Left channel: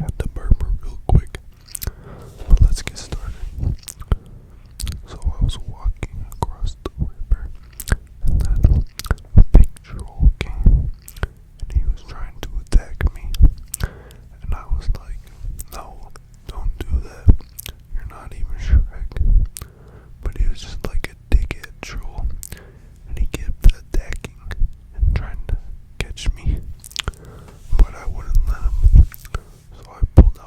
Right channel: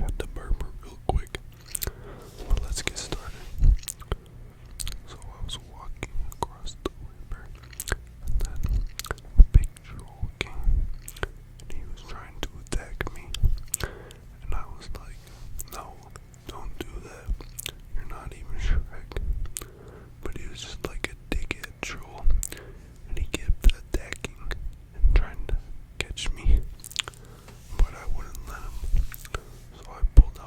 have to burp real quick. But let's get started. So I was walking across the river, and then a big troll came, and he was trying to attack me. And I was like, no, don't do that. You're not even Shrek. But he was just like a dickhead troll, and he kept attacking and trying to catch me. But I wouldn't let him. So I pulled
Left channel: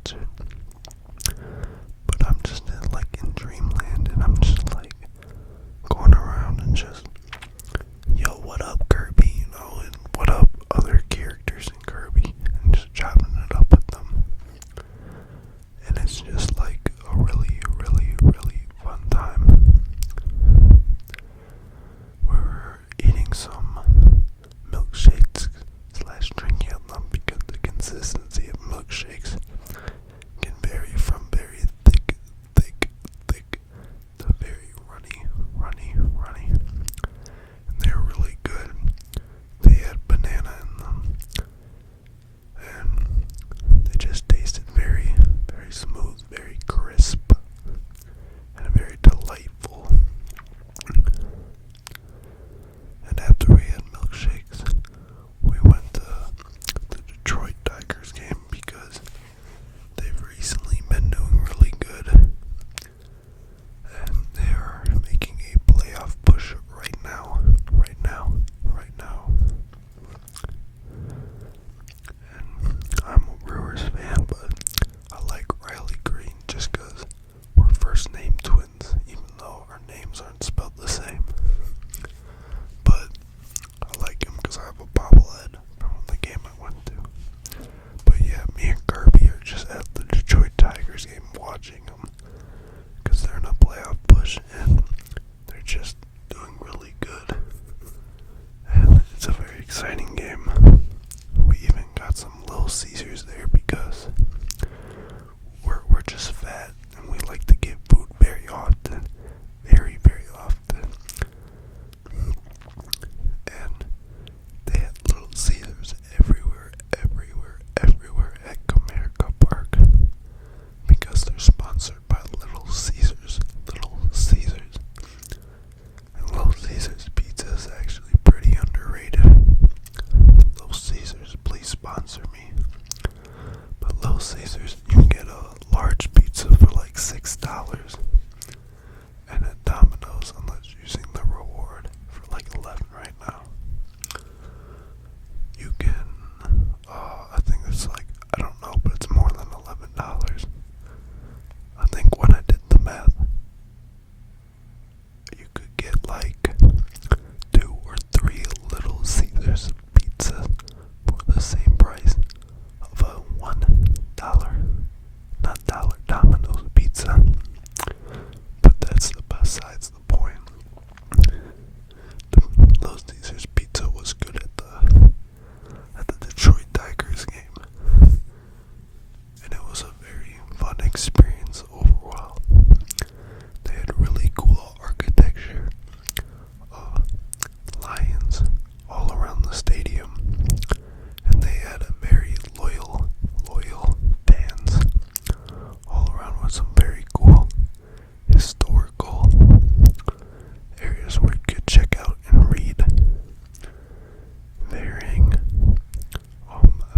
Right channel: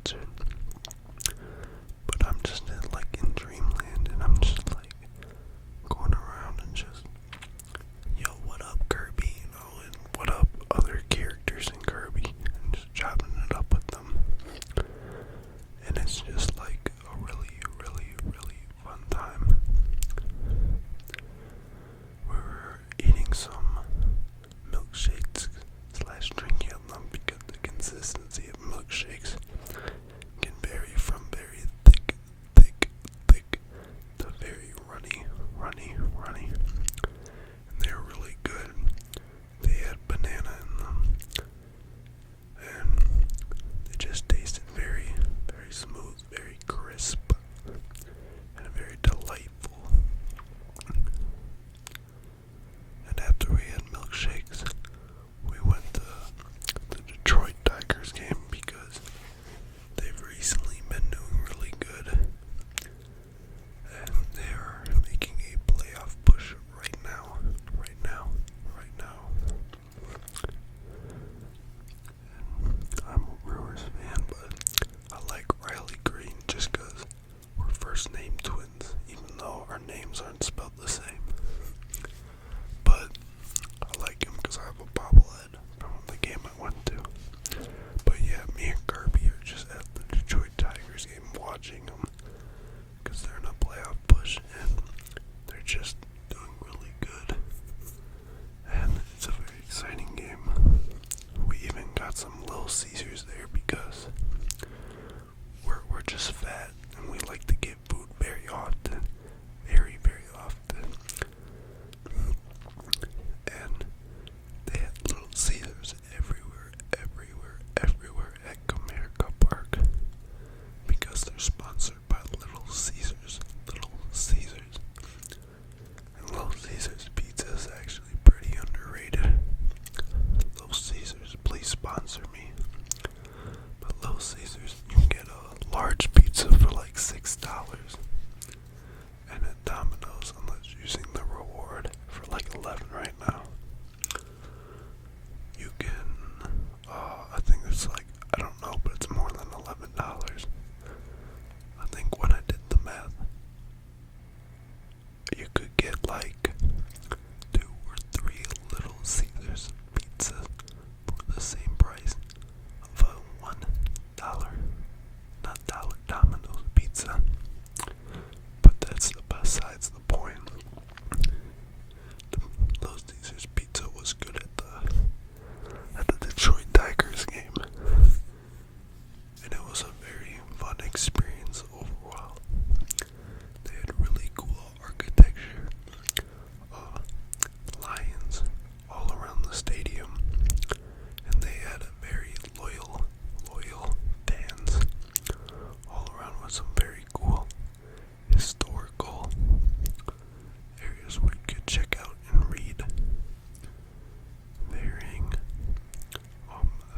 watch it. But I'm just in dreamland, and I'm just going around and just, yo, what up, Kirby, and what up, other characters in Kirby, and just chopping it up with them. And it's just a really, really, really fun time. We were eating some milkshakes / drinking them because the consistency of milkshakes can vary from very thick to very runny. And they were really good. They had banana in them. And they just tasted very, very smooth, very crisp, and very delightful. And after we had milkshakes, we went to the Detroit Tigers game because they've recently been doing really good. And they are making a playoff push right now. And I'm a Brewers fan, but I like Riley Green just because we're first name twins, even though our names aren't spelled the same. But I like him because I have a bobblehead from the game I went to. But yeah, me and Kirby are just at the Detroit Tigers game watching them because they're in a playoff push and they're just doing really good. And it's a very exciting game. We even got some Little Caesars there because we're just fat and we like to get food very often. Very, very often. And they had Little Caesars everywhere at Comerica Park because they're sponsored by Little Caesars. And Little Caesars pizza is actually pretty underrated. Little Caesars, please sponsor me. But Little Caesars, you can get a large pizza for $6. And at Domino's, unless you're using the reward for $11 right now, you can, I think it's I don't know, but it's more than $11. I think when I did the math, you could get 2 or 3 Little Caesars pizza for the same price of a $1, not dollar Domino's pizza. But that's besides the point. Little Caesars pizza was good at the Detroit Tigers game, and it was a very fun experience overall. They had really cool architecture, lions all around the stadium, and they had a very loyal fans all around with some very cool historical areas where you could check out and read varying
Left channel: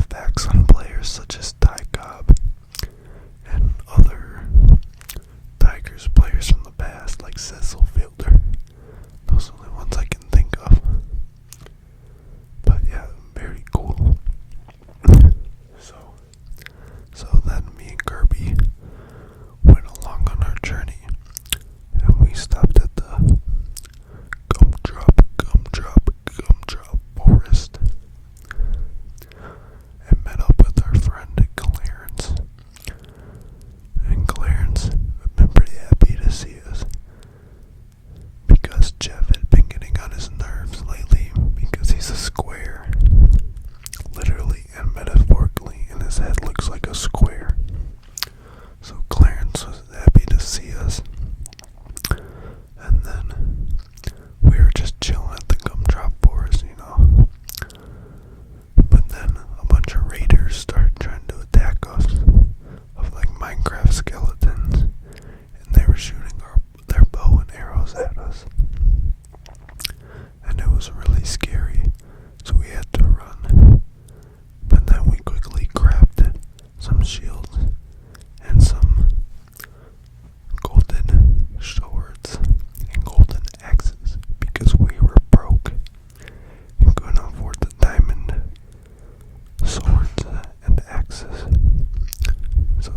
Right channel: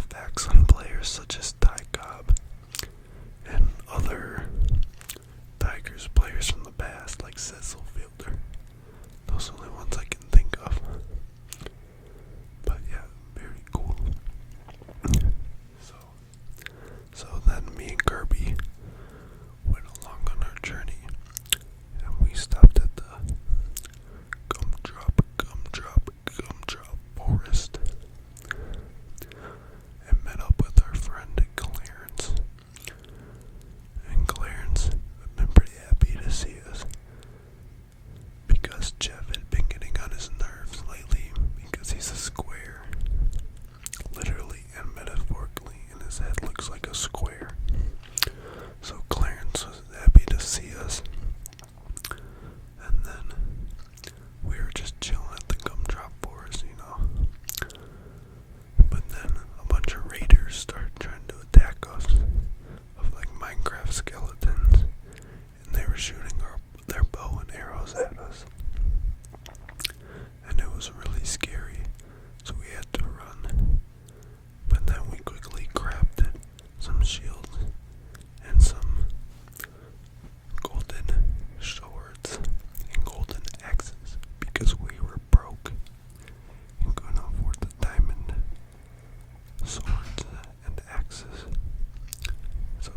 facts on players such as Ty Cobb and other Tigers players from the past like Cecil Fielder. Those are the only ones I can think of. But yeah, very cool. So then me and Kirby went along on our journey, and we stopped at the gumdrop forest and met up with our friend Clarence. And Clarence had been pretty happy to see us because Jeff had been getting on his nerves lately because he's a square. Literally and metaphorically, and his head looks like a square. So Clarence was happy to see us. And then we were just chilling at the gumdrop forest, But then a bunch of raiders started trying to attack us of Minecraft skeletons, and they were shooting their bow and arrows at us. And it was really scary, so we had to run. But then we quickly crafted some shields and some golden swords and golden axes because we were broke and couldn't afford the diamond swords and axes. So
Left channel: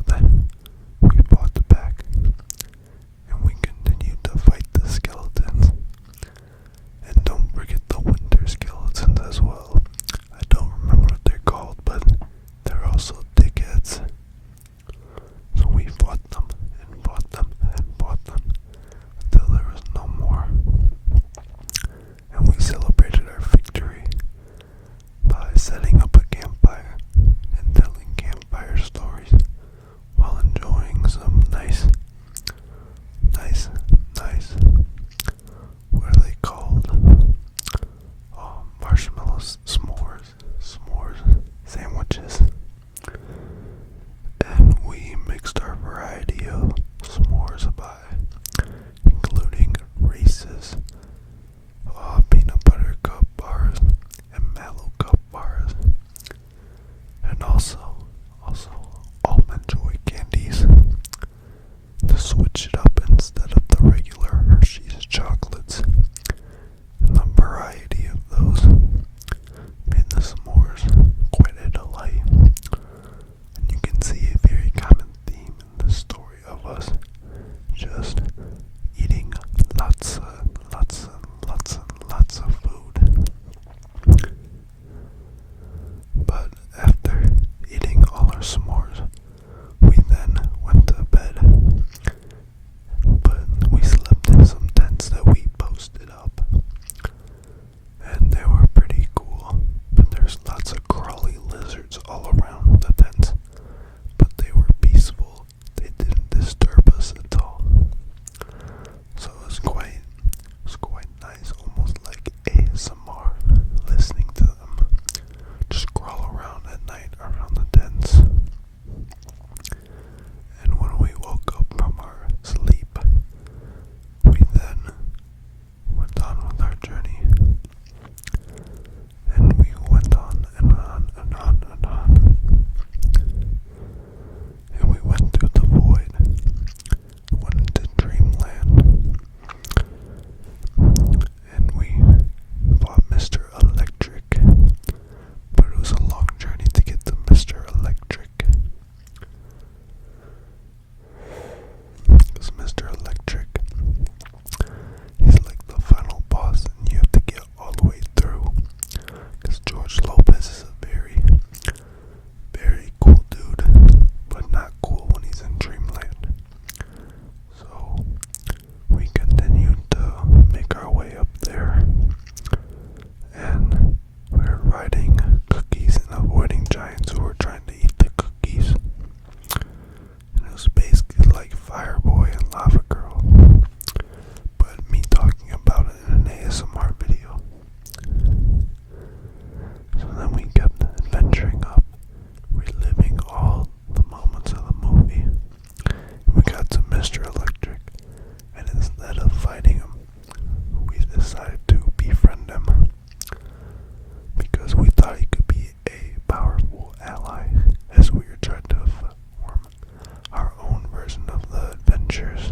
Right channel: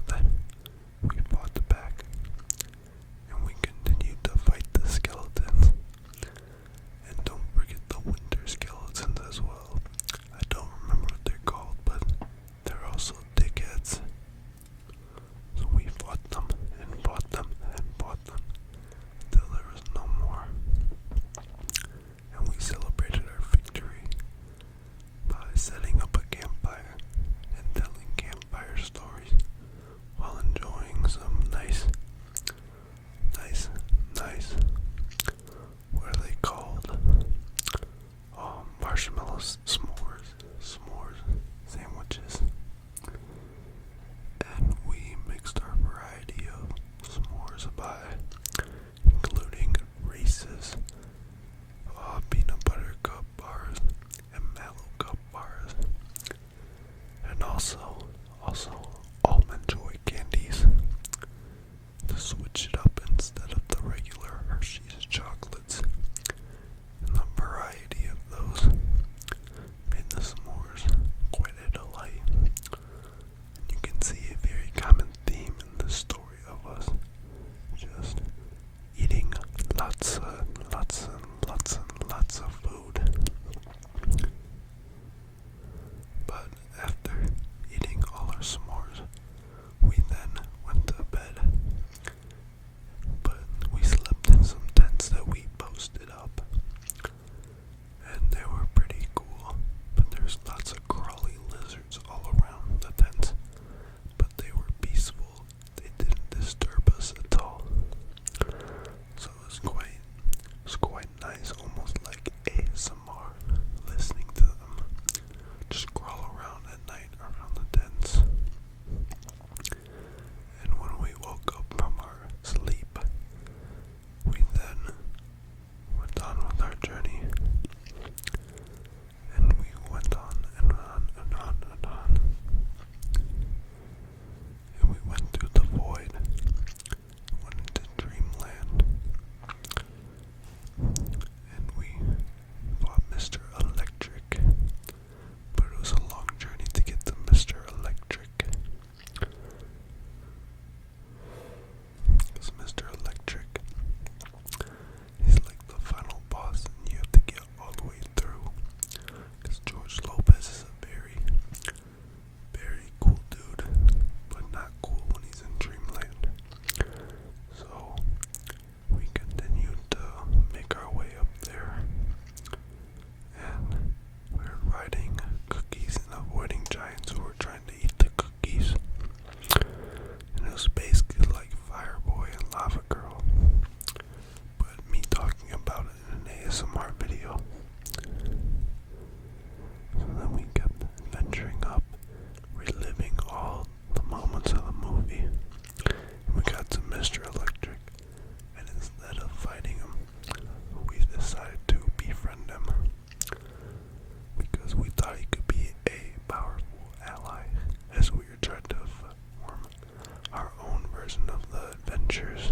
Adventures.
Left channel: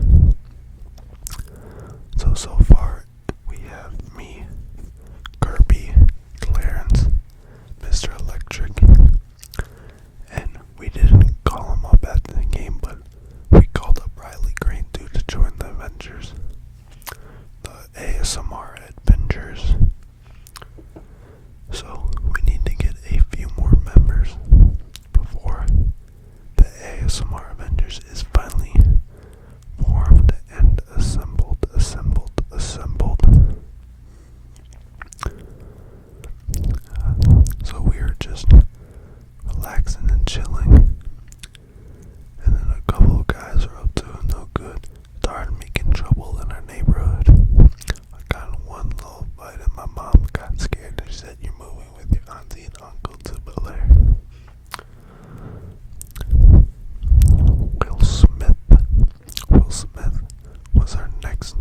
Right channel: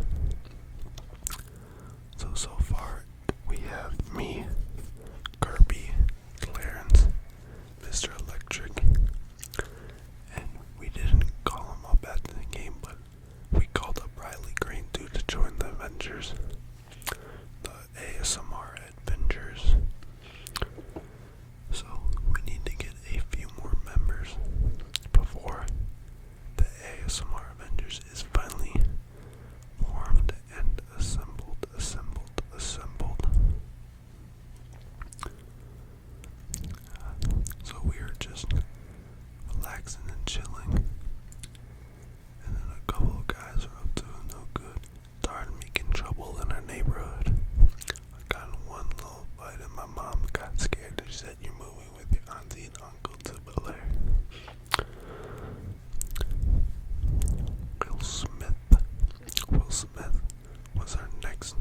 So far we have me, Kirby, Clarence, Mr. Electric, and we didn't call him up at the game, but we called up Riley Green to join the Avengers, the ASMR Adventures. So we need to get a few more members before the ASMR Avengers is finally formed and assembled. So we are just relaxing and chilling, and then a couple of guys are up to no good, started making trouble in our neighborhood. I got in one little fight and my mom got scared and she said, "You're moving with your auntie and uncle to Bel Air." Will Smith was our next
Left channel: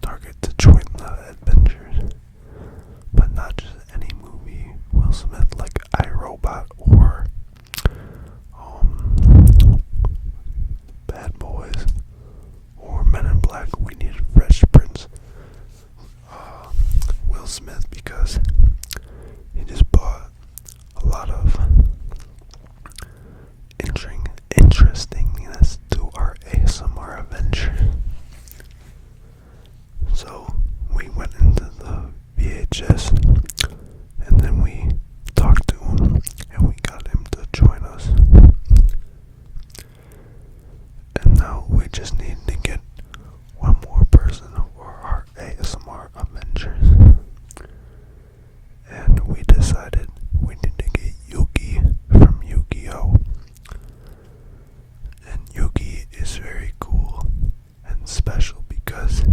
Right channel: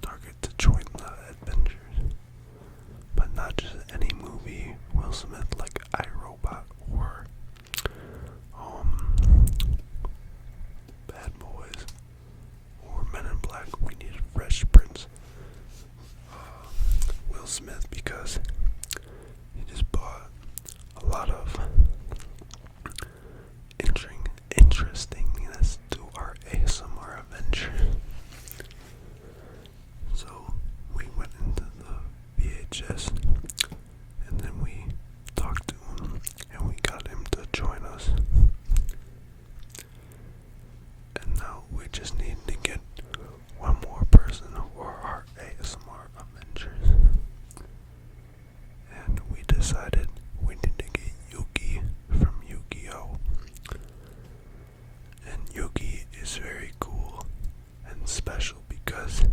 target to join the Adventures, but not just any movie. Will Smith, like iRobot or Bad Boys or Men in Black. We needed Fresh Prince. Will Smith, because he just brought a lot of interestingness to our ASMR adventure. So we went into the VHS and then we talked to him and we got him to join us. And now we just need to get one more person for our ASMR adventures. And we decided we need to get Yuki from Yu-Gi-Oh! And Yuki is very cool and special because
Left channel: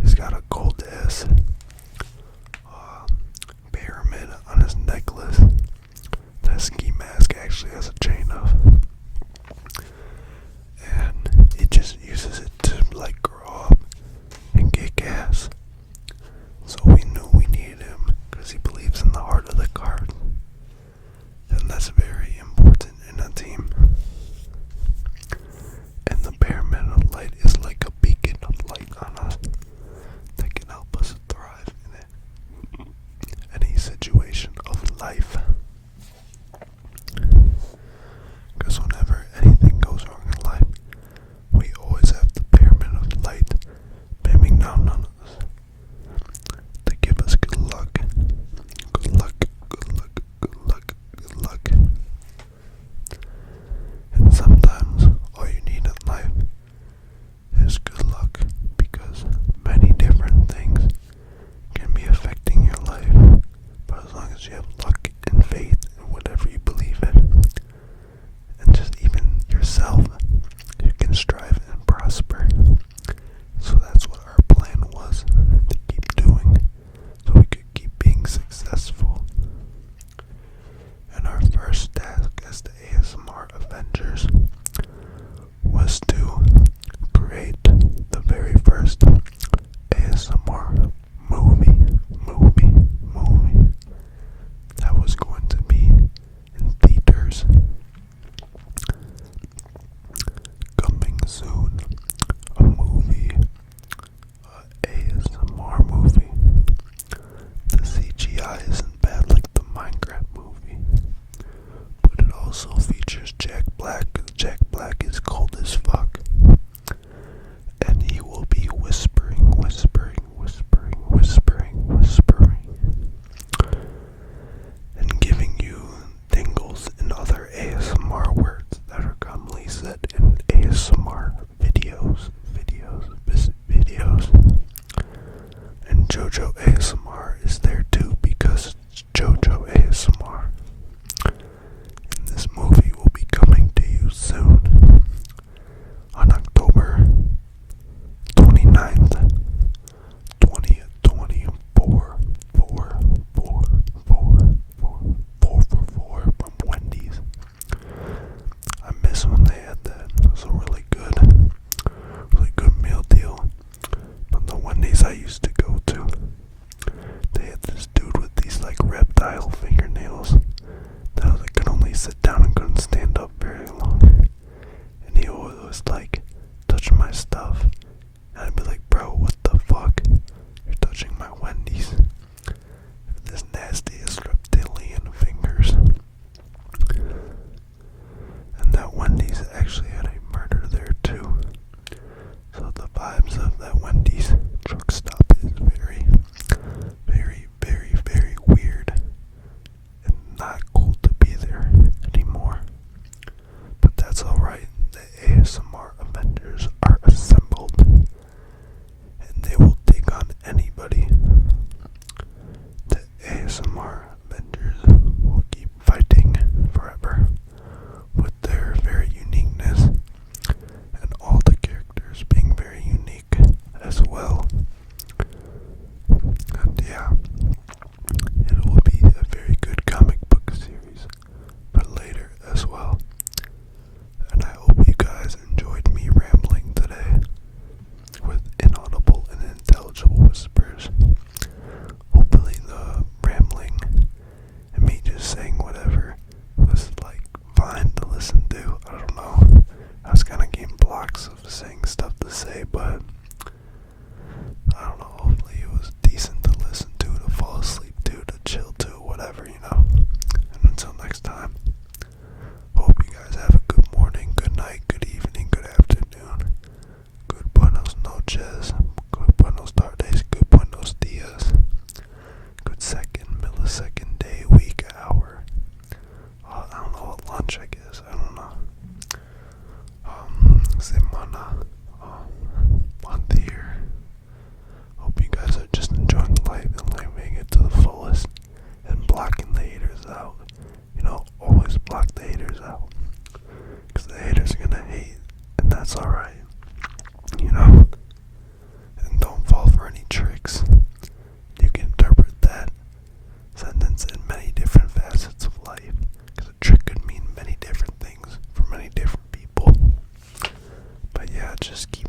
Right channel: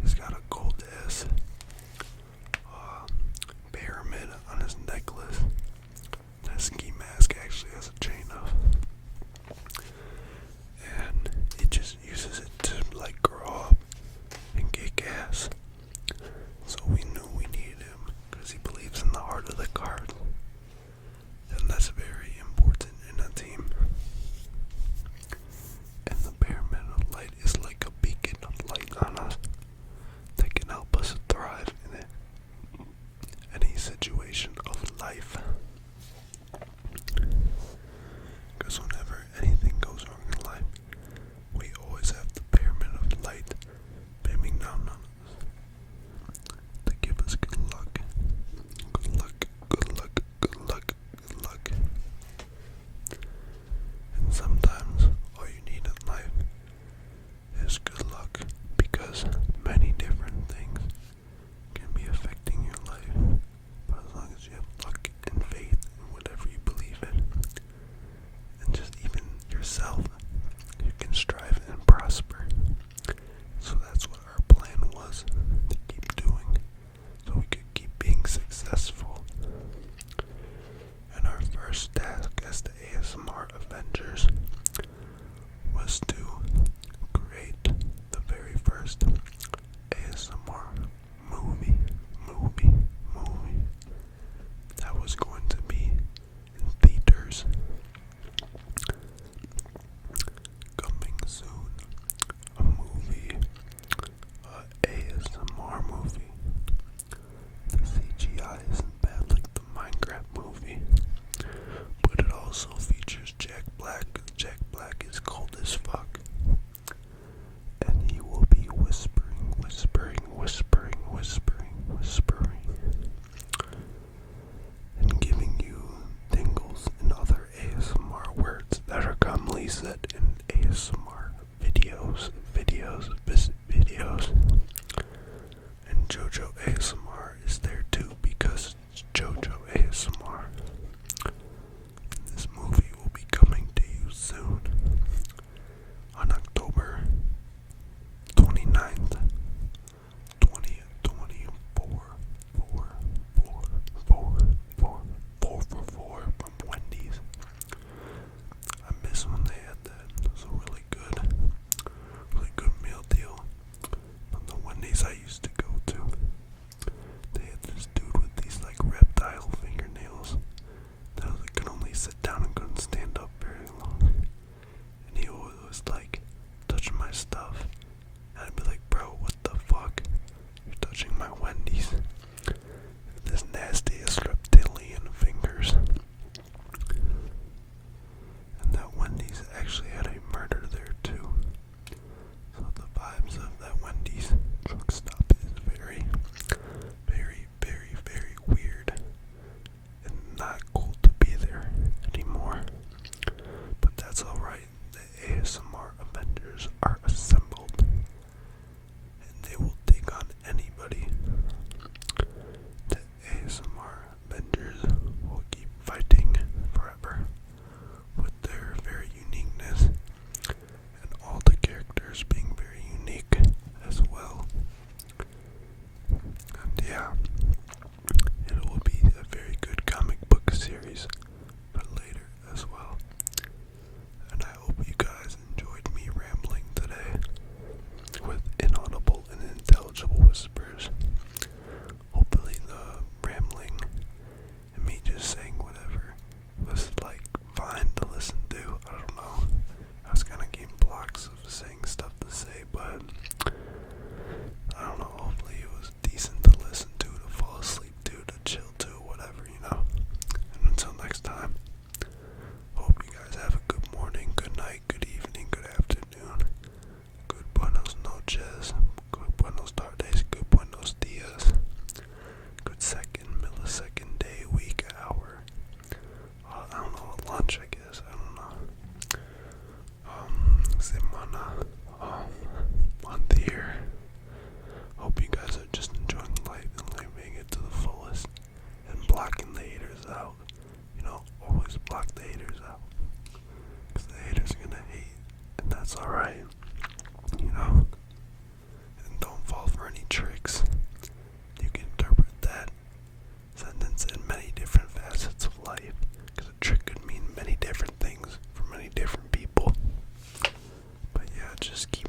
he's got a gold S pyramid on his necklace that ski mask actually has a chain of, and he just uses it to like grow up and kick ass. So we knew we needed him because he believes in the heart of the cards, and that's very important in a team. And the pyramid of light is like a beacon of light on us that can help us thrive in any situation of life. Because whenever anything goes wrong in life, we always have the pyramid of light beaming down on us to give us good luck. Good luck, good luck, good luck, good luck. And sometimes all you need in life is good luck, because many different things can be affecting your life. But as long as you have luck and faith in whatever you believe in, and just even yourself, you can strive and prosper. So that's what our plan was, to keep doing, so we could keep being successful. And our first task as the ASMR Avengers was to create the very first ASMR movie that was going to be in theaters. Coming soon, a movie, ASMR movie. The CGI isn't bad like the Minecraft movie, but it also features Jack Black. Jack Black is cold as fuck, and he will be whispering, and giving you tingles and other ASMR words that are commonly said in ASMR videos. And JoJo ASMR is there too, because it's JoJo ASMR. And this movie will be coming to you soon on October 29th, 2024. 4 from Wendy's. I miss when they had that. It was a really good meal deal. But the Wendy's I used to go to, they had this dude with these like reptile fingernails that I could only sit down and couldn't stand up very long. And he always like touched my my stuff. And I'd be like, bro, what the fuck? You're touching my Wendy's. This nastiest reptilian fingers. And that Wendy's actually had a murder there too. So the vibes of that Wendy's truck stop is very, very, very, very weird. And not cool to be there anymore. But that's alright. The ASMR Avengers are assembled. And they will take on anybody. The ASMR Avengers will keep fighting forever with their very uniqueness and all the characters being very unique as well. And yeah, it will be a very good comic book series for later as well. And I hope you guys enjoyed me rambling today with inaudible and unintelligible whispers. Hopefully the rambling and me just saying whatever was like fine to listen to. I don't know. I was kind of getting blocks of saying stuff to say, but I don't know. Hopefully it was decent to listen to fall asleep to chill to, whatever, you know. And until next time, hope you guys have a good morning, good night, good evening, good afternoon, good buenos noches, good buenos tardes, good buenos dias, good second, millisecond, day, week, hour. I don't know what lunch, I guess. I don't know. Semana, month, year. Hope you guys are just enjoying life and living it to the fullest and blocking the haters out. You know, always block the haters out. Because the haters are gonna hate, and that's alright. You know? And don't fall for any tricks. You can interpret that sentence in many different facets of life. Because a trick could mean many different things for many different people. But yeah, just keep